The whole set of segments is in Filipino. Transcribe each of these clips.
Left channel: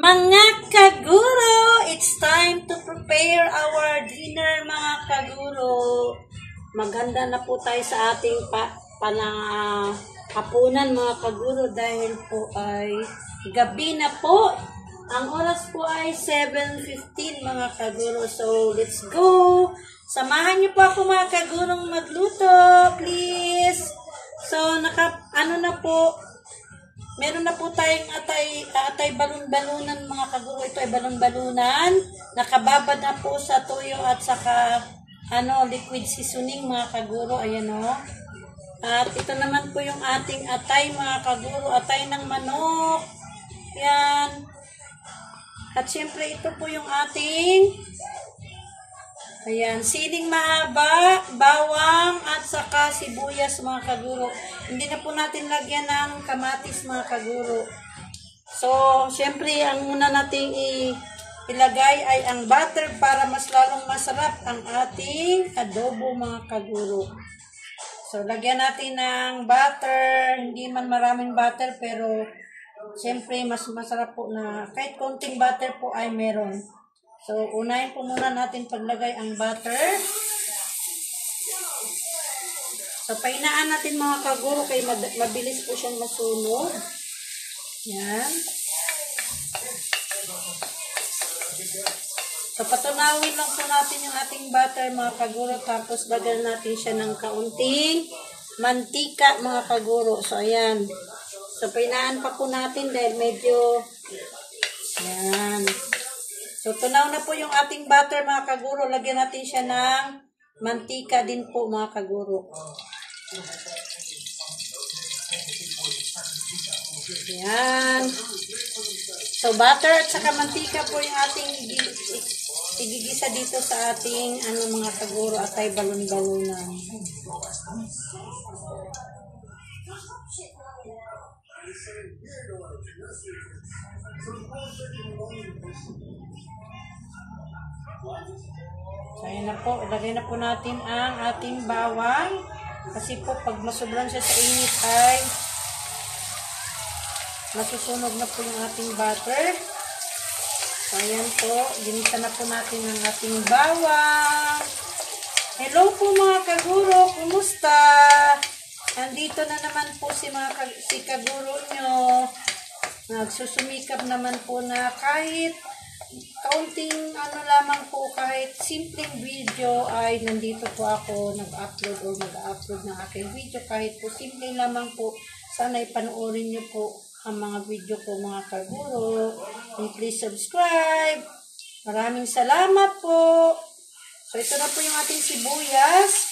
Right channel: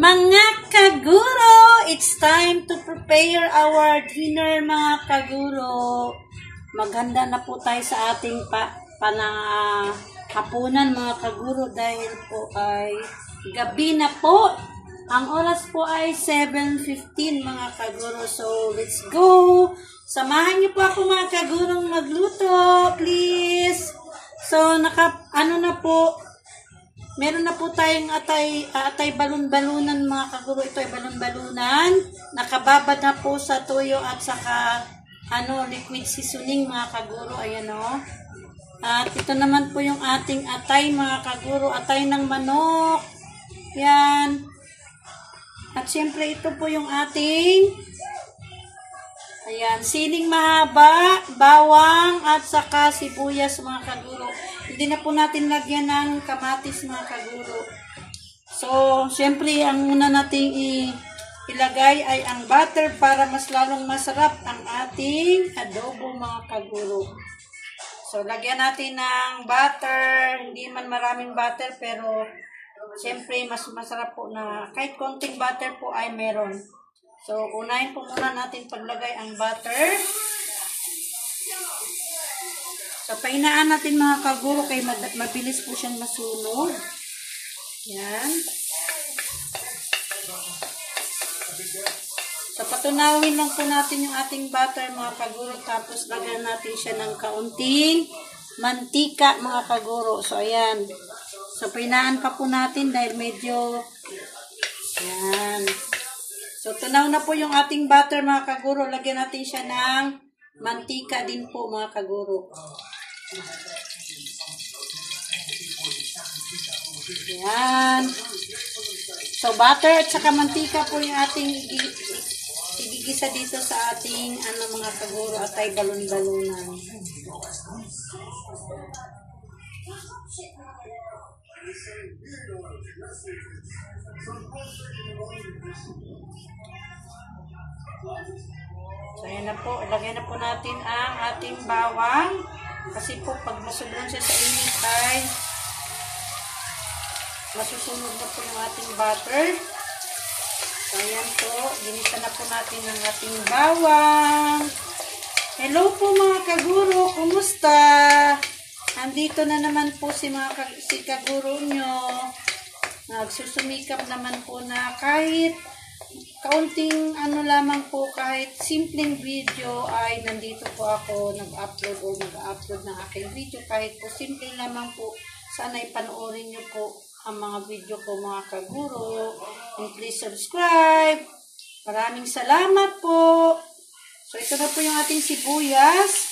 Mga kaguro, it's time to prepare our dinner mga kaguro. Maganda na po tayo sa ating hapunan mga kaguro dahil po ay gabi na po. Ang oras po ay 7:15 mga kaguro. So, let's go! Samahan niyo po ako mga kagurong magluto, please! So, meron na po tayong atay balon-balunan mga kaguro. Ito ay balon-balunan. Nakababad na po sa toyo at saka liquid seasoning mga kaguro. Ayan o. At ito naman po yung ating atay mga kaguro. Atay ng manok. Yan. At syempre ito po yung ating siling mahaba, bawang, at saka sibuyas mga kaguro. Hindi na po natin lagyan ng kamatis mga kaguro. So, syempre, ang muna nating ilagay ay ang butter para mas lalong masarap ang ating adobo mga kaguro. So, lagyan natin ng butter. Hindi man maraming butter, pero syempre, mas masarap po na kahit konting butter po ay meron. So, unahin po muna natin paglagay ang butter. So, painaan natin mga kaguro kay mabilis po siyang masunog. Yan. So, patunawin lang po natin yung ating butter mga kaguro. Tapos, lagyan natin siya ng kaunting mantika mga kaguro. So, ayan. So, painaan pa po natin dahil medyo yan. So, tunaw na po yung ating butter mga kaguro. Lagyan natin siya ng mantika din po mga kaguro. Yan. So, butter at saka mantika po yung ating igigisa dito sa ating mga kaguro at ay balon-balunan. So, ayan na po. Ilagay na po natin ang ating bawang. Kasi po, pag masobran siya sa init ay masusunog na po yung ating butter. So, ayan po. Ginisa na po natin ang ating bawang. Hello po mga kaguro. Kumusta? Andito na naman po si kaguro nyo. Nagsusumikap naman po na kahit kaunting lamang po, kahit simpleng video ay nandito po ako mag-upload ng aking video. Kahit po simple lamang po, sana ipanoorin nyo po ang mga video ko mga kaguro. And please subscribe. Maraming salamat po. So ito na po yung ating sibuyas.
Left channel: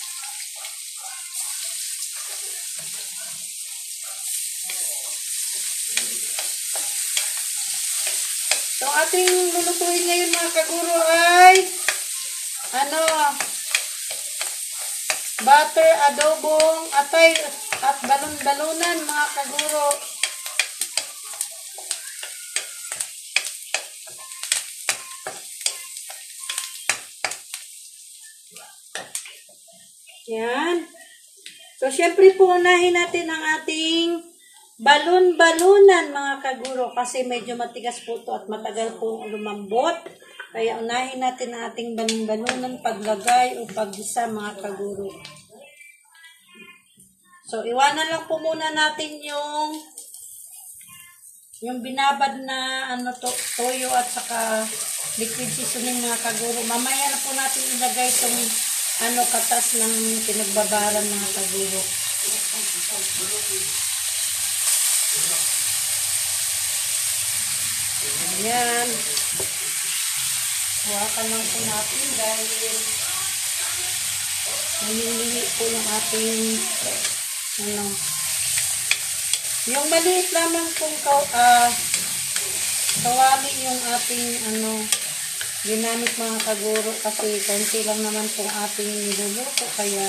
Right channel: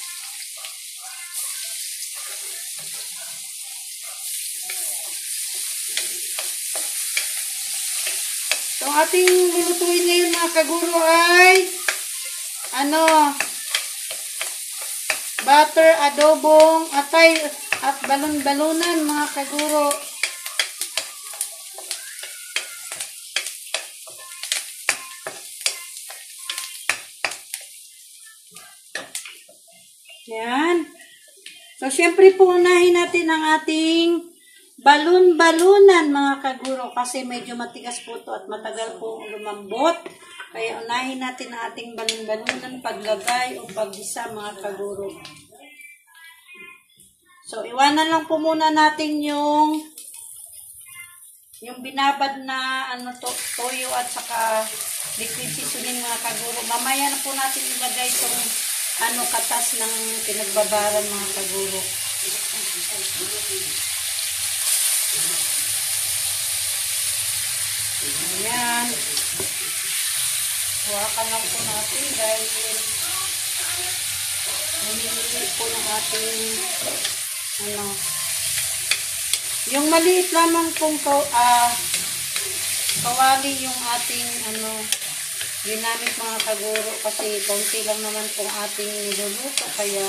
So ating lulutuin ngayon mga kaguro ay butter, adobong, atay at balon-balunan mga kaguro. Yan. So syempre po unahin natin ang ating balon-balunan mga kaguro kasi medyo matigas po ito at matagal pong lumambot. Kaya unahin natin ang ating balon-balunan paglagay o paggisa mga kaguro. So iwanan lang po muna natin yung binabad na toyo at saka liquid seasoning mga kaguro. Mamaya na po natin ilagay itong katas ng pinagbabaran mga kaguro. Ayan. Huwakan lang po natin dahil hinihili po yung ating yung maliit lamang pong kawali yung ating ginamit mga kaguro kasi konti lang naman pong ating niluluto kaya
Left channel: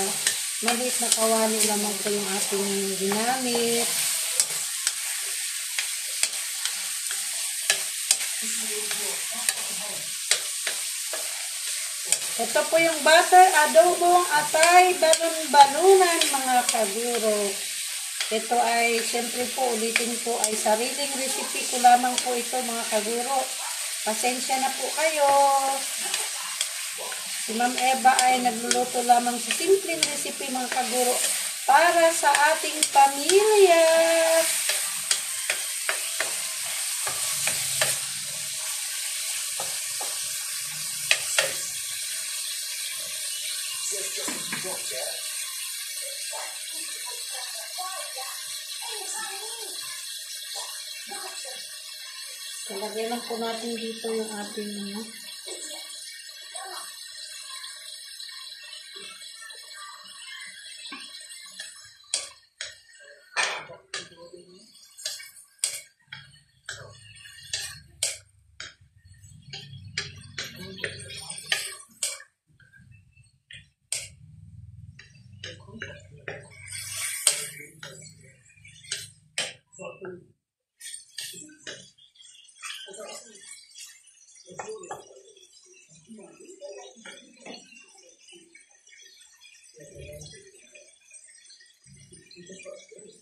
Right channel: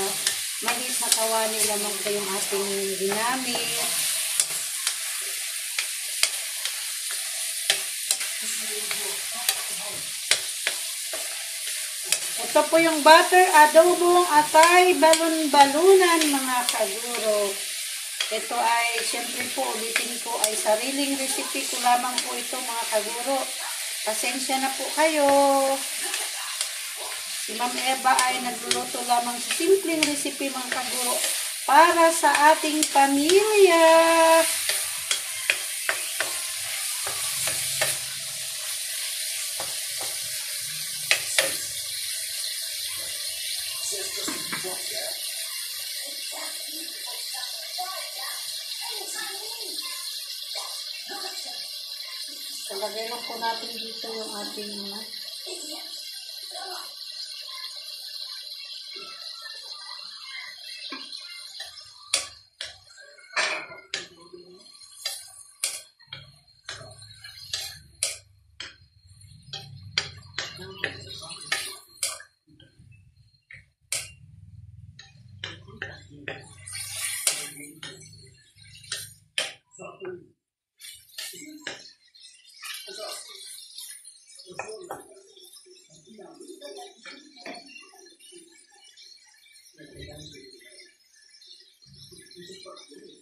maliit na kawali lamang po yung ating ginamit. Ito po yung butter, adobong, atay, balon-balunan mga kaguro. Ito ay, siyempre po, ulitin ko, ay sariling recipe ko lamang po ito mga kaguro. Pasensya na po kayo. Si Ma'am Eva ay nagluluto lamang sa simpleng recipe mga kaguro para sa ating pamilya. Talagay lang po natin dito yung ating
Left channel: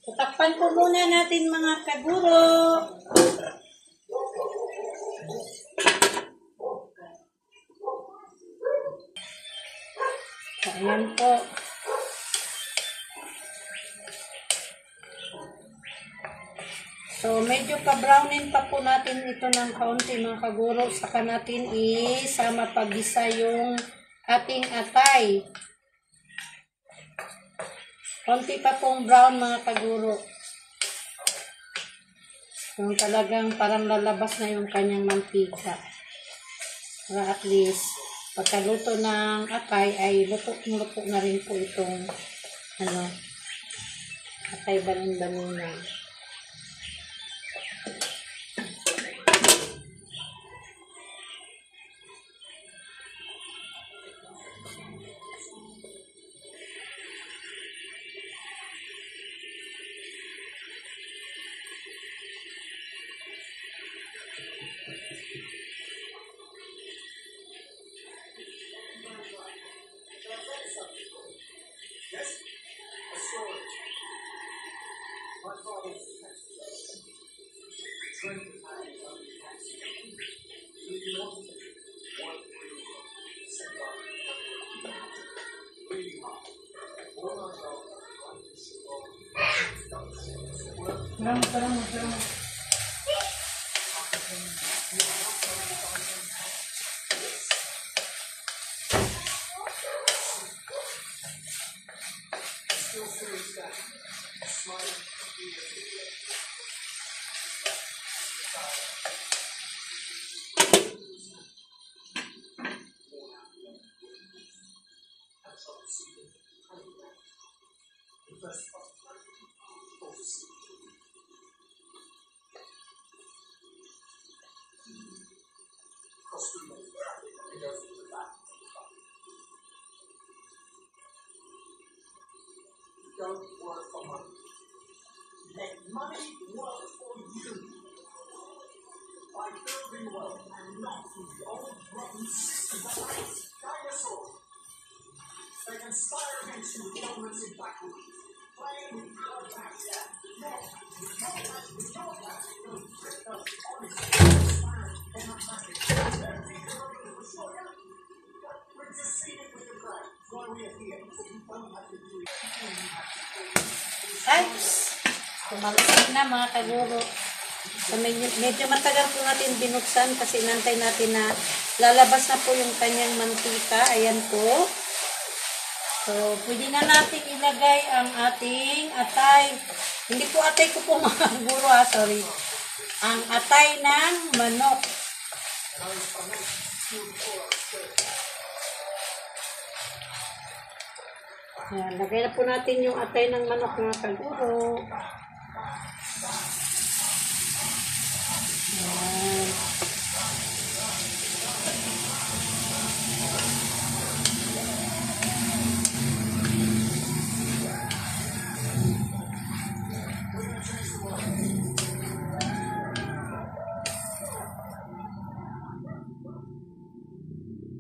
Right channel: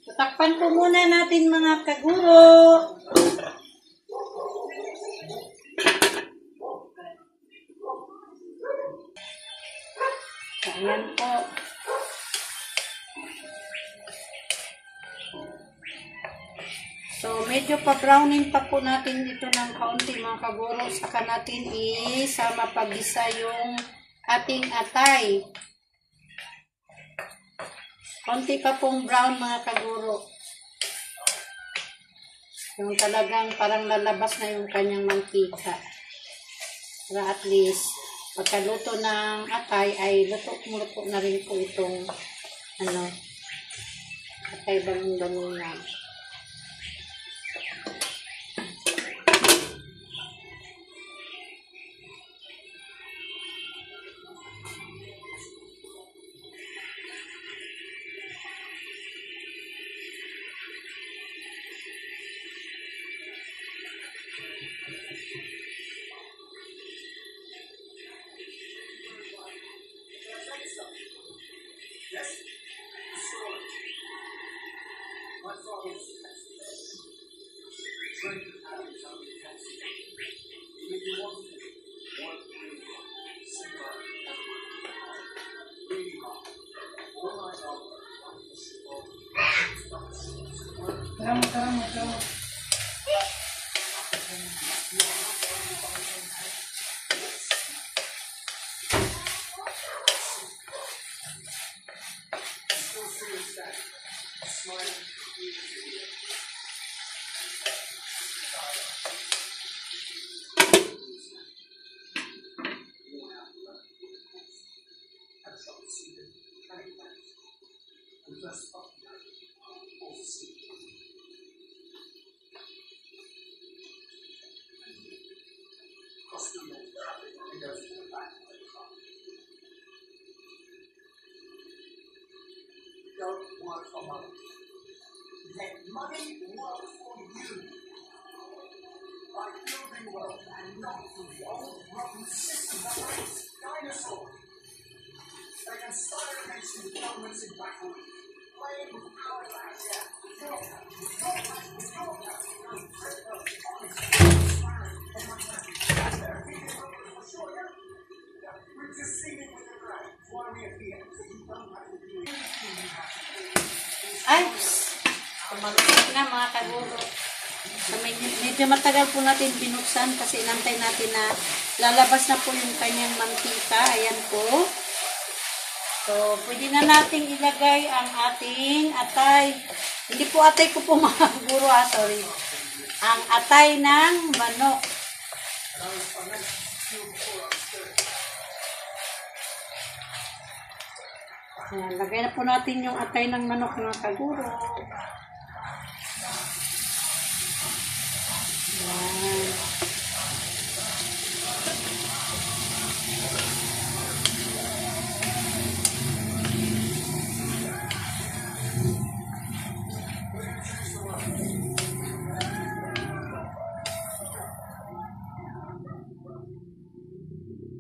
tatakpan po muna natin mga kaguro. Ayan po. So, medyo pa-brownin pa po natin ito ng kaunti mga kaguro. Saka natin isama pag-isa yung ating atay. Konti pa pong brown mga kaguro. Yung talagang parang lalabas na yung kanyang mantika. Para at least, pagkaluto ng atay ay luto na rin po itong atay balon-balon na. Don't work for money. Let money work for you. By building wealth and not through the old rotten systems of dinosaurs. They conspire against you with governments in backward, playing with power back, yeah. Your back. You're tricked up, honest, transparent, democratic. We've just seen it with the ground. That's why we are here. So you don't have to do anything you have to do. Ay, kumalusig na mga kaguro. So, medyo matagal po natin binuksan kasi inantay natin na lalabas na po yung kanyang mantika. Ayan po. So, pwede na natin ilagay ang ating atay. Hindi po atay ko po mga kaguro, sorry. Ang atay ng manok. Ayan, lagay na po natin yung atay ng manok mga kaguro. Ayan.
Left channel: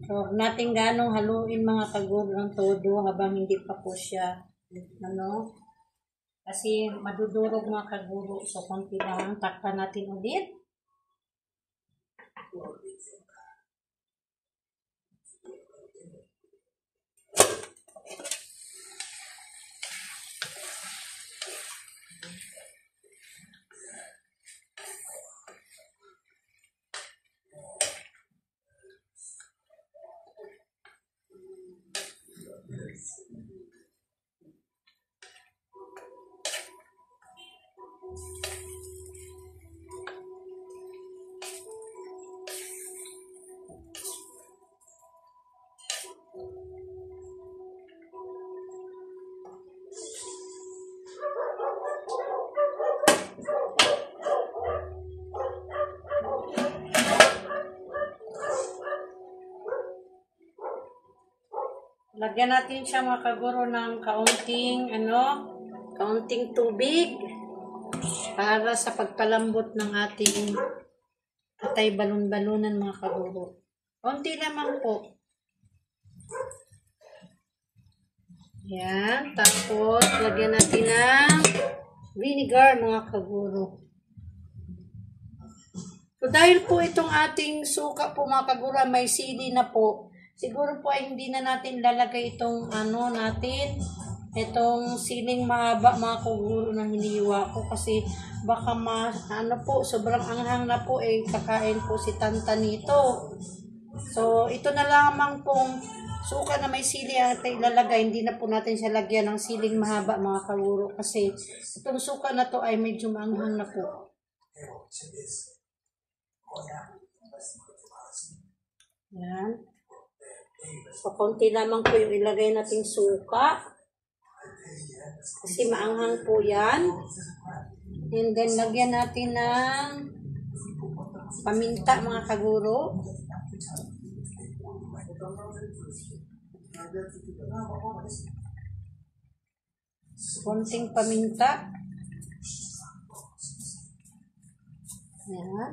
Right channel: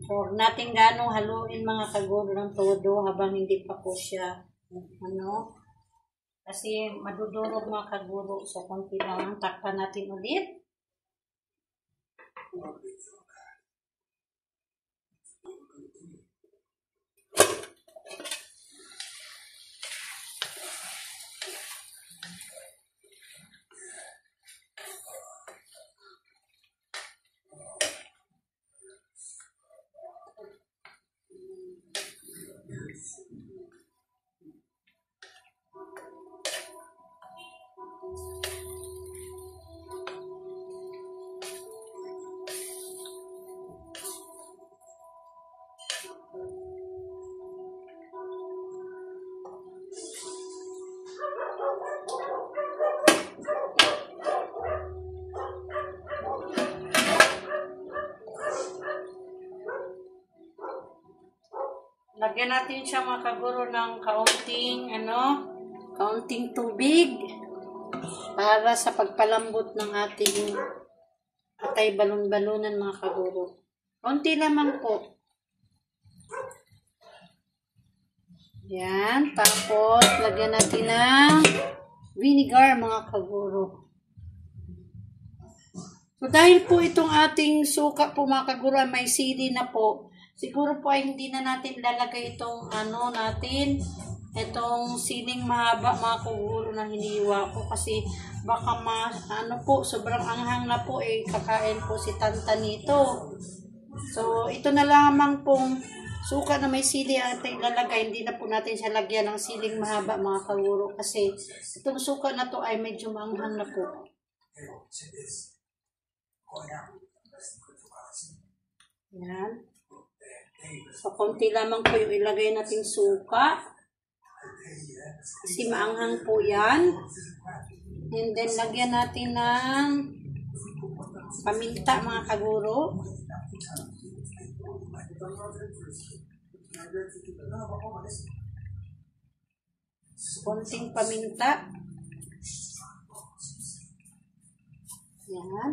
So, huwag natin ganong haluin mga kaguro ng todo habang hindi pa po siya Kasi madudurog mga kaguro. So, konti lang. Takpan natin ulit. Lagyan natin siya mga kaguro ng kaunting tubig para sa pagpalambot ng ating atay balon-balunan mga kaguro. Kaunti lamang po. Yan. Tapos, lagyan natin ng vinegar mga kaguro. So, dahil po itong ating suka po mga kaguro may sili na po, siguro po ay hindi na natin lalagay itong itong siling mahaba mga kaguro na hiniwa ko kasi baka sobrang anghang na po kakain po si Tanta nito. So, ito na lamang pong suka na may sili at ilalagay, hindi na po natin siya lagyan ng siling mahaba mga kaguro kasi itong suka na to ay medyo maanghang na po. Yan. So, konti lamang po yung ilagay nating suka. Kasi maanghang po yan. And then, lagyan natin ng paminta mga kaguro. Konting paminta. Yan.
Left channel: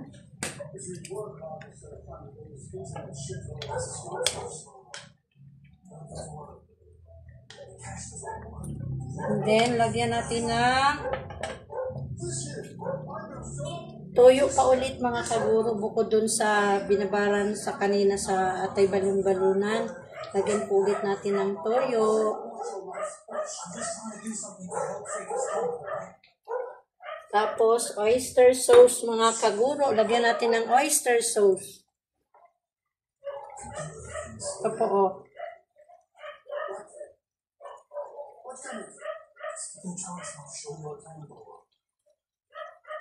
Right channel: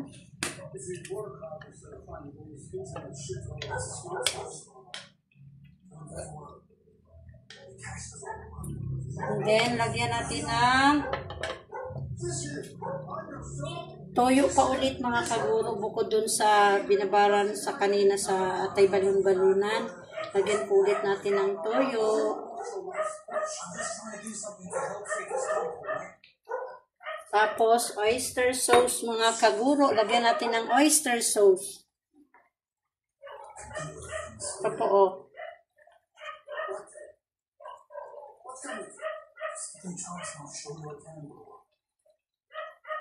And then, lagyan natin ng toyo pa ulit mga kaguro bukod dun sa binabaran sa kanina sa atay balon-balunan. Lagyan po ulit natin ng toyo. Tapos, oyster sauce mga kaguro. Lagyan natin ng oyster sauce. Ito po o.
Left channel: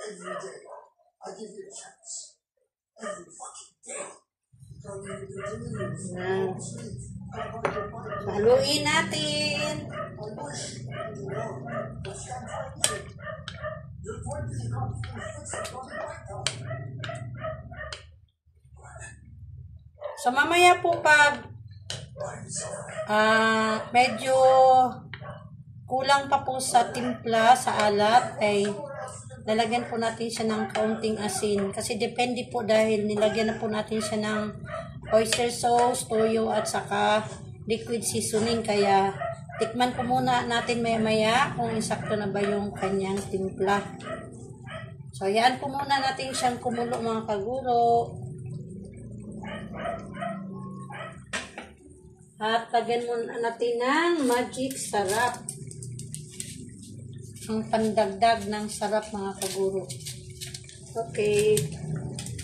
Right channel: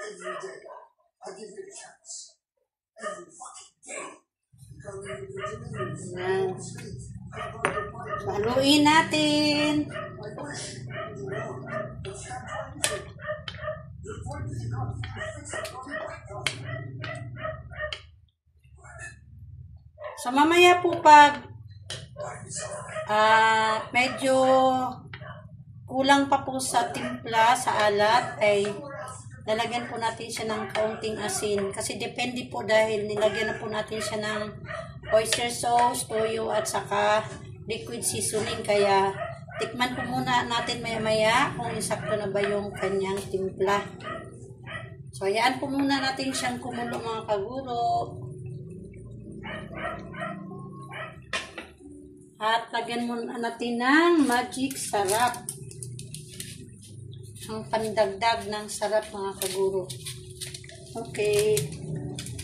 Every day, I give you a chance. Every fucking day. Haluin natin. So, mamaya po pag medyo kulang pa po sa timpla, sa alat, ay lalagyan po natin siya ng kaunting asin. Kasi depende po dahil nilagyan na po natin siya ng oyster sauce, toyo, at saka liquid seasoning. Kaya tikman po muna natin maya-maya kung insakto na ba yung kanyang timpla. So, hayaan po muna natin siyang kumulo mga kaguro. At lagyan muna natin ng magic sarap. Ang pandagdag ng sarap mga kaguro. Okay.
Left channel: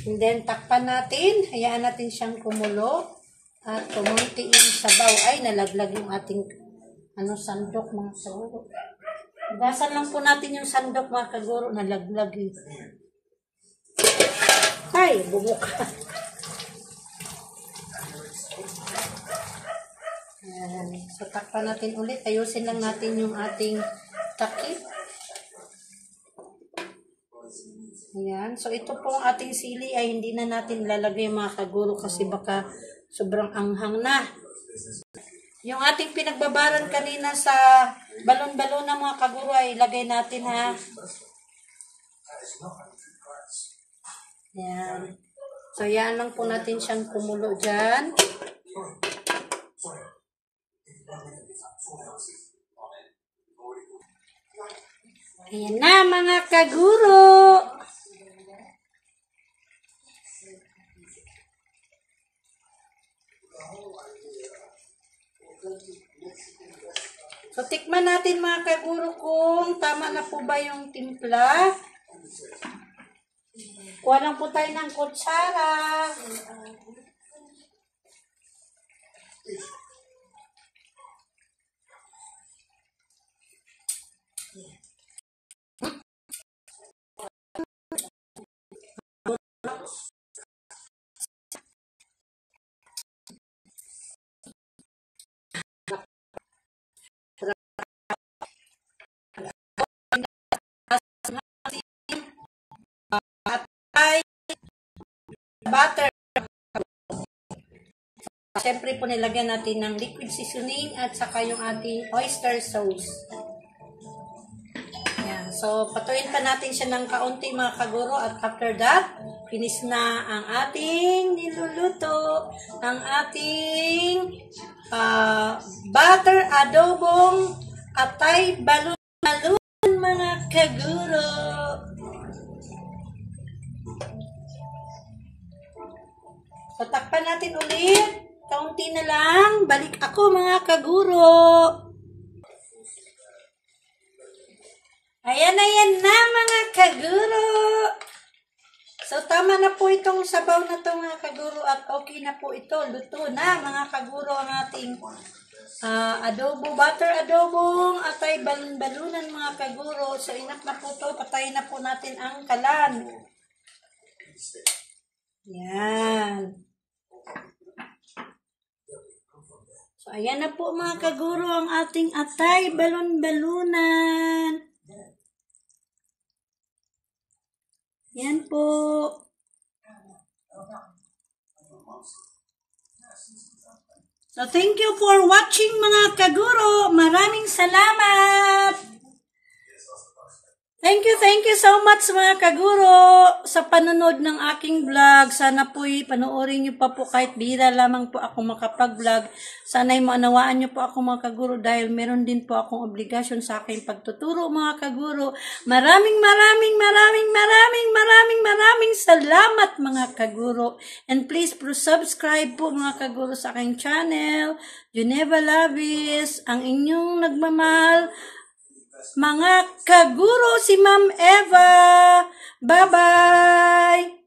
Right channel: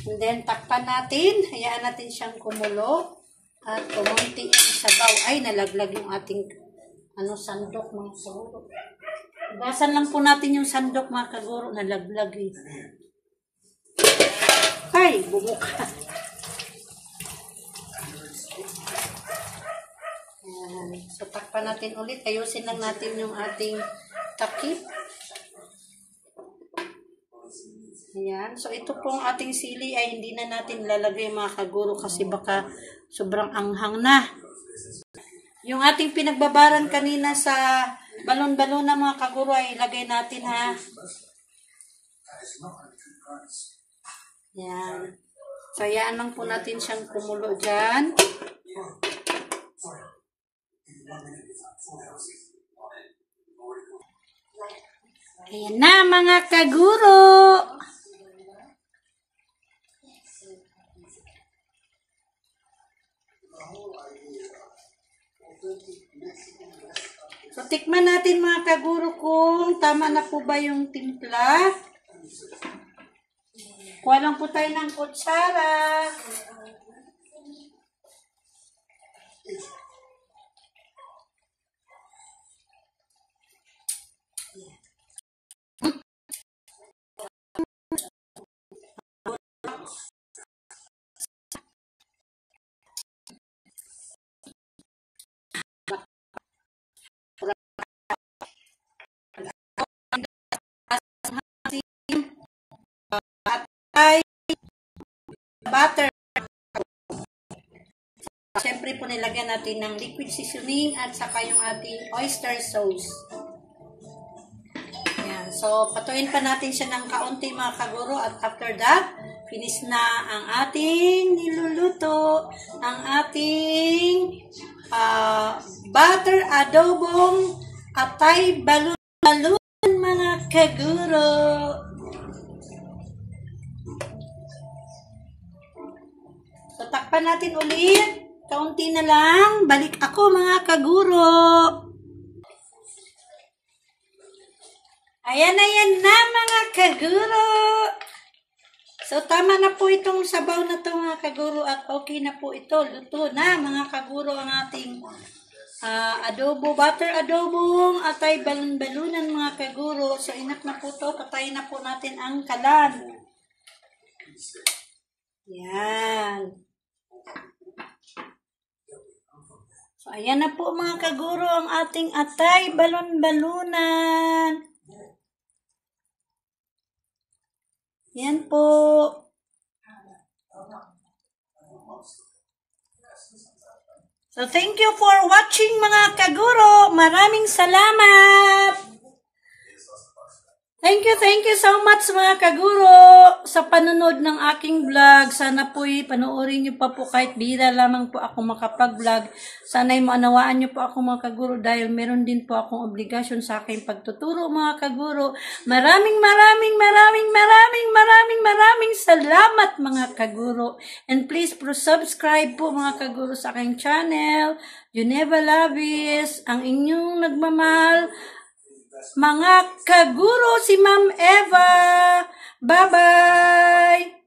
And then, takpan natin. Hayaan natin siyang kumulo. At kumunti yung sabaw. Ay, nalaglag yung ating sandok mga kaguro. Basan lang po natin yung sandok mga kaguro. Nalaglag eh. Ay, bumuka. Ayan. So, takpan natin ulit. Ayusin lang natin yung ating takip. Ayan. So, ito pong ating sili ay hindi na natin lalagay mga kaguro kasi baka sobrang anghang na. Yung ating pinagbabaran kanina sa balon-balon na mga kaguro ay ilagay natin ha. Ayan. So, ayan lang po natin siyang kumulo dyan. Ayan na mga kaguro. So, tikman natin mga kaguro kung tama na po ba yung timpla. Kuha lang po tayo ng kutsara. Butter. Siyempre po nilagyan natin ng liquid seasoning at saka yung ating oyster sauce. Yan. So, patuin pa natin siya ng kaunti mga kaguro at after that, finish na ang ating niluluto. Ang ating butter adobong atay balon-balon mga kaguro. So, takpan natin ulit. Kaunti na lang. Balik ako mga kaguro. Ayan na mga kaguro. So, tama na po itong sabaw na to mga kaguro at okay na po ito. Luto na mga kaguro ang ating adobo, butter adobong atay balon-balunan mga kaguro. So, enough na po to. Patayin na po natin ang kalan. Yan. So, ayan na po mga kaguro ang ating atay balon-balunan. Yan po. So, thank you for watching mga kaguro. Maraming salamat. Thank you so much mga kaguro sa panonood ng aking vlog. Sana po'y panoorin niyo pa po kahit bihira lamang po ako makapag-vlog. Sana'y maunawaan niyo po ako mga kaguro dahil meron din po akong obligasyon sa aking pagtuturo mga kaguro. Maraming salamat mga kaguro. And please subscribe po mga kaguro sa aking channel. Juneva Lavis, ang inyong nagmamahal. Mga kaguro, si Ma'am Eva. Bye-bye!